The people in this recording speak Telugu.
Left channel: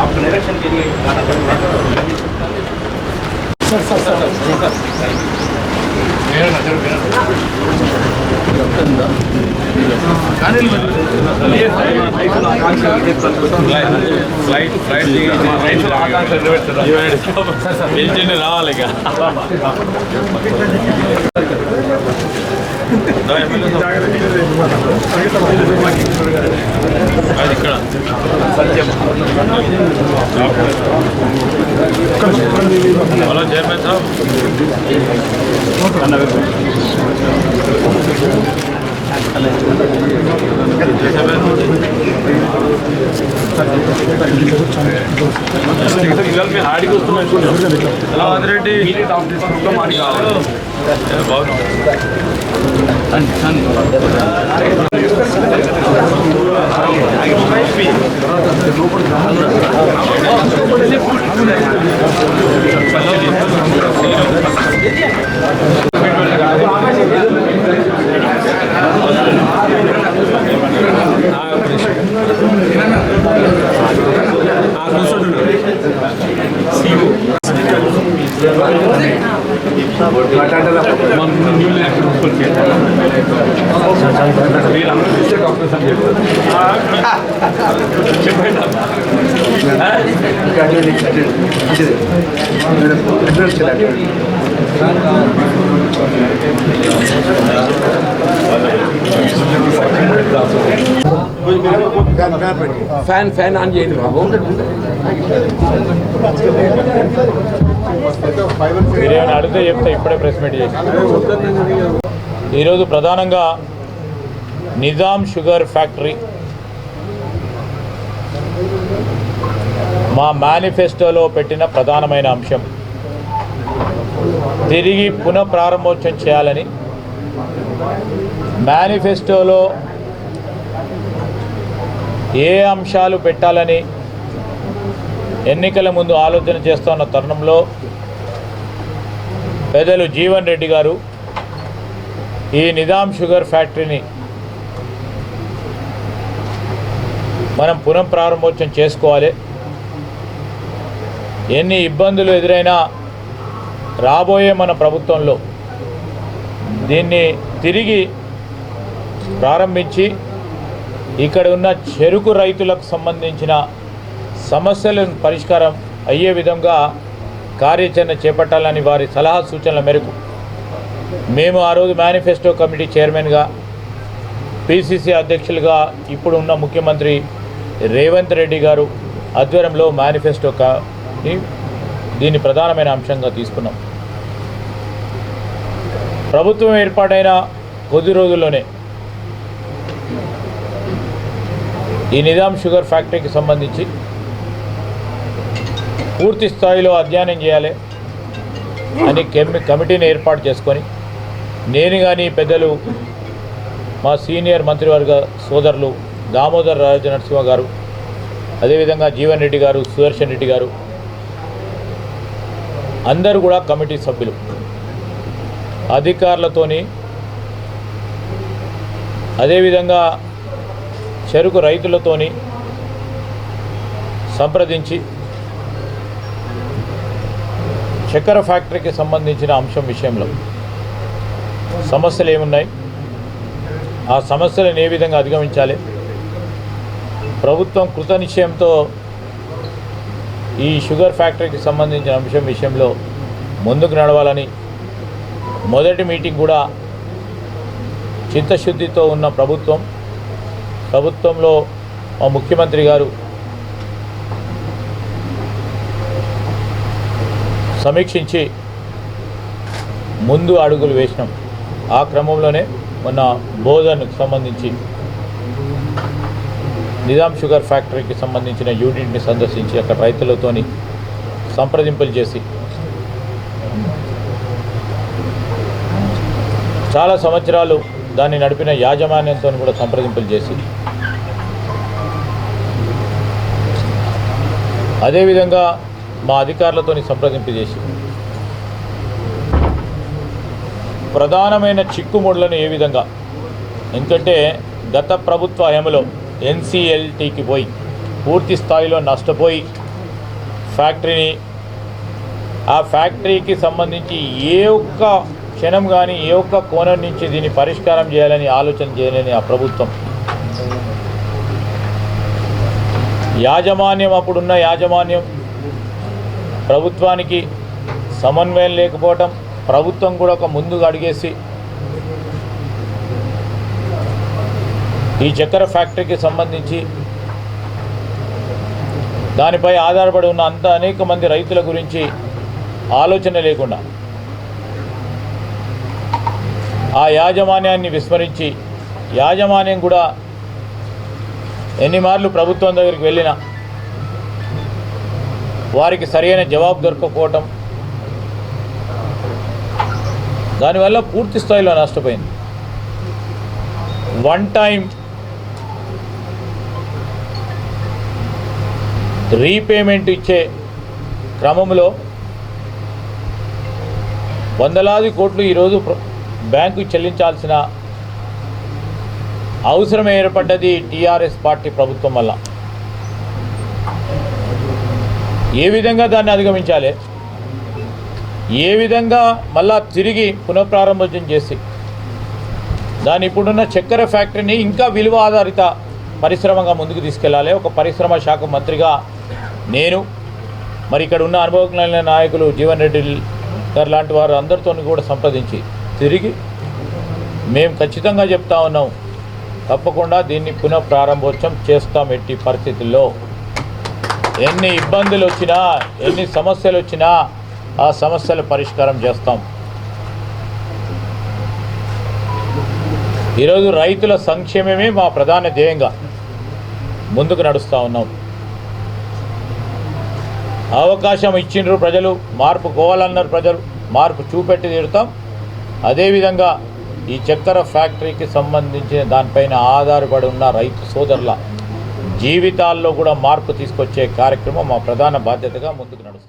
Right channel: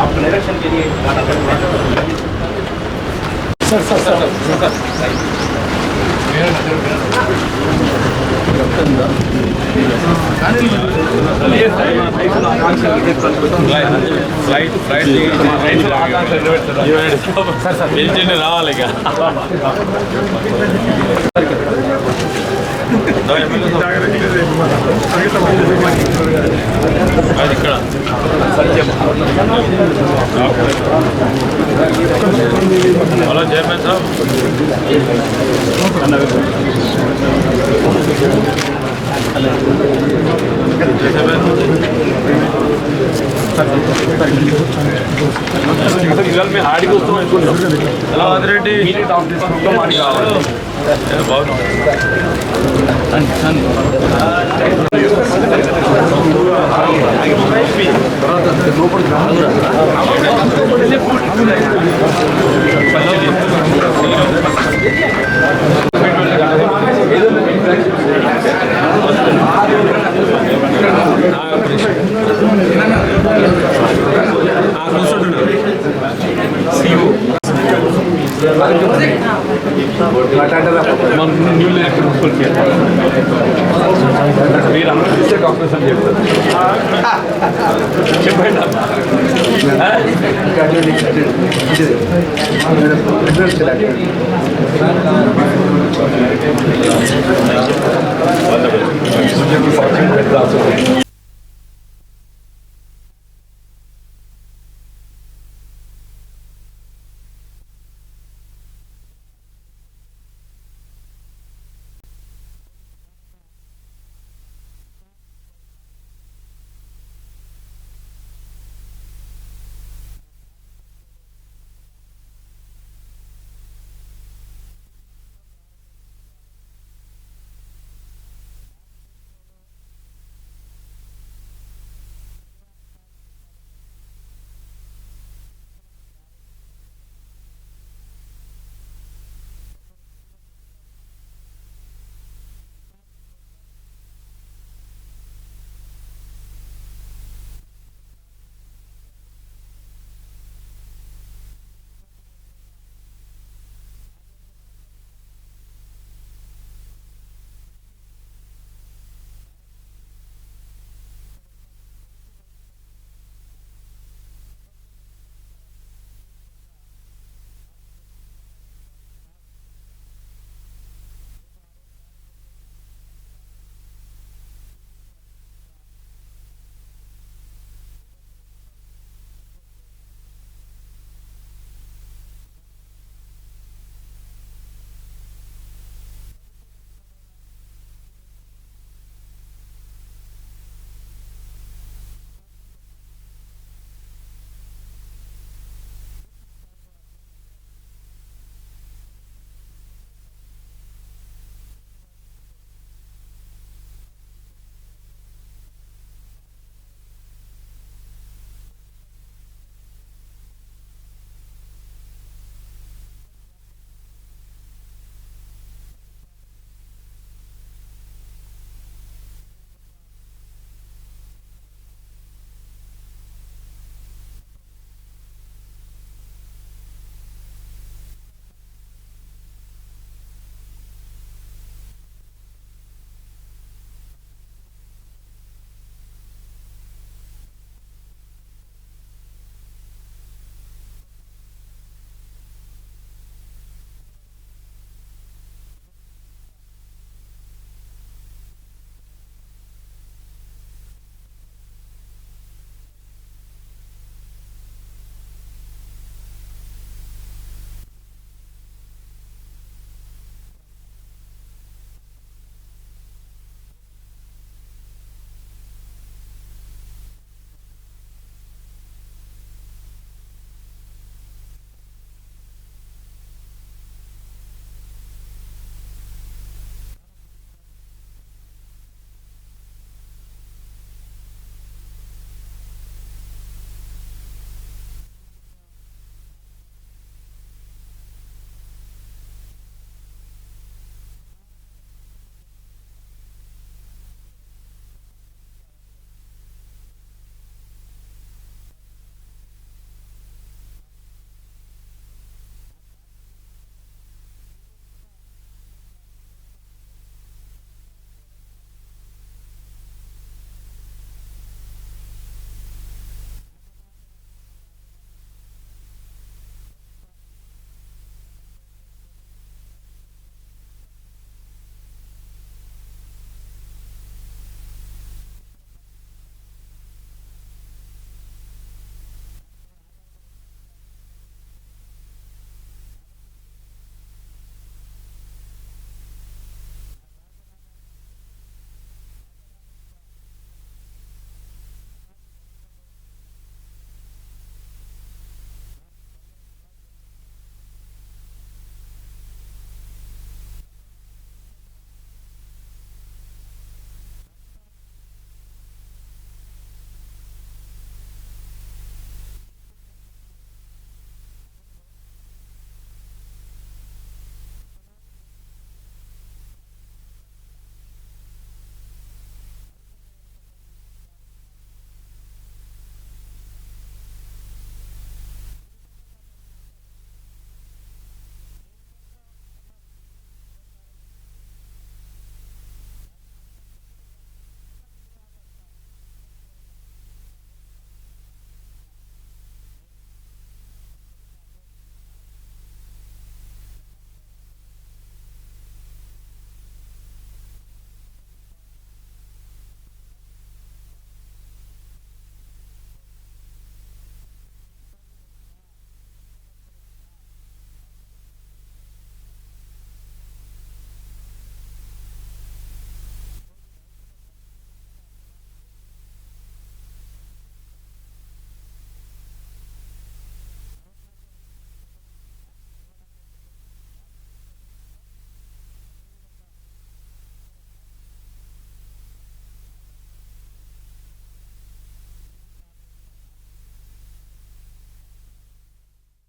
आपको इलेक्शन के लिए गाना सर सर सर ఫ్లైట్ రావాలి అది ఇక్కడ హలో చైర్మన్ సాబ్ ఇవాళ మీ హాడికి వస్తున్నాం ఎలా ఆదిరెడ్డి బాగుంది ఫ్యాన్ ఆన్ చేయండి బాబు. మీరేమైనా అడిగితే చెప్తే ఇప్పుడే ప్రెస్ మీట్ చేసి. ఈరోజు ప్రధానంగా నిజాం షుగర్ ఫ్యాక్టరీ మా మేనిఫెస్టోలో పెట్టిన ప్రధానమైన అంశం తిరిగి పునఃప్రారంభోత్సవం చేయాలని. మేనిఫెస్టోలో ఏ అంశాలు పెట్టాలని ఎన్నికల ముందు ఆలోచన చేస్తున్న తరుణంలో పెద్దలు జీవన్ రెడ్డి గారు ఈ నిజాం షుగర్ ఫ్యాక్టరీని మనం పునఃప్రారంభోత్సవం చేసుకోవాలి, ఎన్ని ఇబ్బందులు ఎదురైనా రాబోయే మన ప్రభుత్వంలో దీన్ని తిరిగి ప్రారంభించి ఇక్కడ ఉన్న చెరుకు రైతులకు సంబంధించిన సమస్యలను పరిష్కారం అయ్యే విధంగా కార్యాచరణ చేపట్టాలని వారి సలహా సూచనల మేరకు మేము ఆ రోజు మేనిఫెస్టో కమిటీ చైర్మన్గా, పిసిసి అధ్యక్షులుగా ఇప్పుడు ఉన్న ముఖ్యమంత్రి రేవంత్ రెడ్డి గారు ఆధ్వర్యంలో మేనిఫెస్టో దీన్ని ప్రధానమైన అంశంగా తీసుకున్నాం. ప్రభుత్వం ఏర్పాటైన కొద్ది రోజుల్లోనే ఈ నిజాం షుగర్ ఫ్యాక్టరీకి సంబంధించి పూర్తి స్థాయిలో అధ్యయనం చేయాలి అని కమిటీని ఏర్పాటు చేసుకొని నేను కానీ పెద్దలు మా సీనియర్ మంత్రివర్గ సోదరులు దామోదర్ రాజనరసింహ గారు, అదేవిధంగా జీవన్ రెడ్డి గారు, సుదర్శన్ రెడ్డి గారు అందరూ కూడా కమిటీ సభ్యులు అధికారులతోని, అదేవిధంగా చెరుకు రైతులతోని సంప్రదించి చక్కెర ఫ్యాక్టరీకి సంబంధించిన అంశం విషయంలో సమస్యలు ఏమున్నాయి, ఆ సమస్యలను ఏ విధంగా అధిగమించాలి, ప్రభుత్వం కృతనిశ్చయంతో ఈ షుగర్ ఫ్యాక్టరీకి సంబంధించిన అంశం విషయంలో ముందుకు నడవాలని మొదటి మీటింగ్ కూడా చిత్తశుద్ధితో ఉన్న ప్రభుత్వంలో మా ముఖ్యమంత్రి గారు సమీక్షించి ముందు అడుగులు వేసినాం. ఆ క్రమంలోనే మొన్న బోధన్కు సంబంధించి నిజాం షుగర్ ఫ్యాక్టరీకి సంబంధించిన యూనిట్ని సందర్శించి అక్కడ రైతులతోని సంప్రదింపులు చేసి చాలా సంవత్సరాలు దాన్ని నడిపిన యాజమాన్యంతో కూడా సంప్రదింపులు చేసి అదేవిధంగా మా అధికారులతో సంప్రదింపు చేసి ప్రధానమైన చిక్కుముడులను ఏ విధంగా, ఎందుకంటే గత ప్రభుత్వ హయాంలో ఎన్సీఎల్టీకి పోయి పూర్తి స్థాయిలో నష్టపోయి ఫ్యాక్టరీని, ఆ ఫ్యాక్టరీకి సంబంధించి ఏ ఒక్క క్షణం కానీ ఏ ఒక్క కోణం నుంచి దీన్ని పరిష్కారం చేయాలని ఆలోచన చేయలేని ఆ ప్రభుత్వం యాజమాన్యం, అప్పుడున్న యాజమాన్యం ప్రభుత్వానికి సమన్వయం లేకపోవటం, ప్రభుత్వం కూడా ఒక ముందుగా అడిగేసి ఈ చక్కెర ఫ్యాక్టరీకి సంబంధించి దానిపై ఆధారపడి ఉన్న అనేక మంది రైతుల గురించి ఆలోచన లేకుండా ఆ యాజమాన్యాన్ని విస్మరించి, యాజమాన్యం కూడా ఎన్ని మార్లు ప్రభుత్వం దగ్గరికి వెళ్ళినా వారికి సరైన జవాబు దొరకకపోవటం, దానివల్ల పూర్తి స్థాయిలో నష్టపోయింది. వన్ టైం రీపేమెంట్ ఇచ్చే క్రమంలో వందలాది కోట్లు ఈరోజు బ్యాంకు చెల్లించాల్సిన అవసరం ఏర్పడ్డది టీఆర్ఎస్ పార్టీ ప్రభుత్వం వల్ల. ఏ విధంగా దాన్ని అధిగమించాలి, ఏ విధంగా మళ్ళా తిరిగి పునఃప్రారంభోత్సవం చేసి దాని ఇప్పుడున్న చక్కెర ఫ్యాక్టరీని ఇంకా విలువ ఆధారిత పరిశ్రమగా ముందుకు తీసుకెళ్లాలి. ఒక పరిశ్రమ శాఖ మంత్రిగా నేను మరి ఇక్కడ ఉన్న అనుభవజ్ఞులైన నాయకులు జీవన్ రెడ్డి గారు లాంటి వారు అందరితో కూడా సంప్రదించి తిరిగి మేము ఖచ్చితంగా చెప్తా ఉన్నాం, తప్పకుండా దీన్ని పునఃప్రారంభోత్సవం చేస్తాం. ఎట్టి పరిస్థితుల్లో ఎన్ని ఇబ్బందులు వచ్చినా, ఎన్ని సమస్యలు వచ్చినా ఆ సమస్యల పరిష్కారం చేస్తాం. ఈరోజు రైతుల సంక్షేమమే మా ప్రధాన ధ్యేయంగా ముందుకు నడుస్తూ ఉన్నాం. అవకాశం ఇచ్చిండ్రు ప్రజలు, మార్పు కోవాలన్నారు ప్రజలు, మార్పు చూపెట్టి తీరుతాం. అదేవిధంగా ఈ చక్కెర ఫ్యాక్టరీకి సంబంధించిన దానిపైన ఆధారపడి ఉన్న రైతు సోదరుల జీవితాల్లో కూడా మార్పు తీసుకొచ్చే కార్యక్రమం మా ప్రధాన బాధ్యతగా ముందుకు నడుస్తుంది.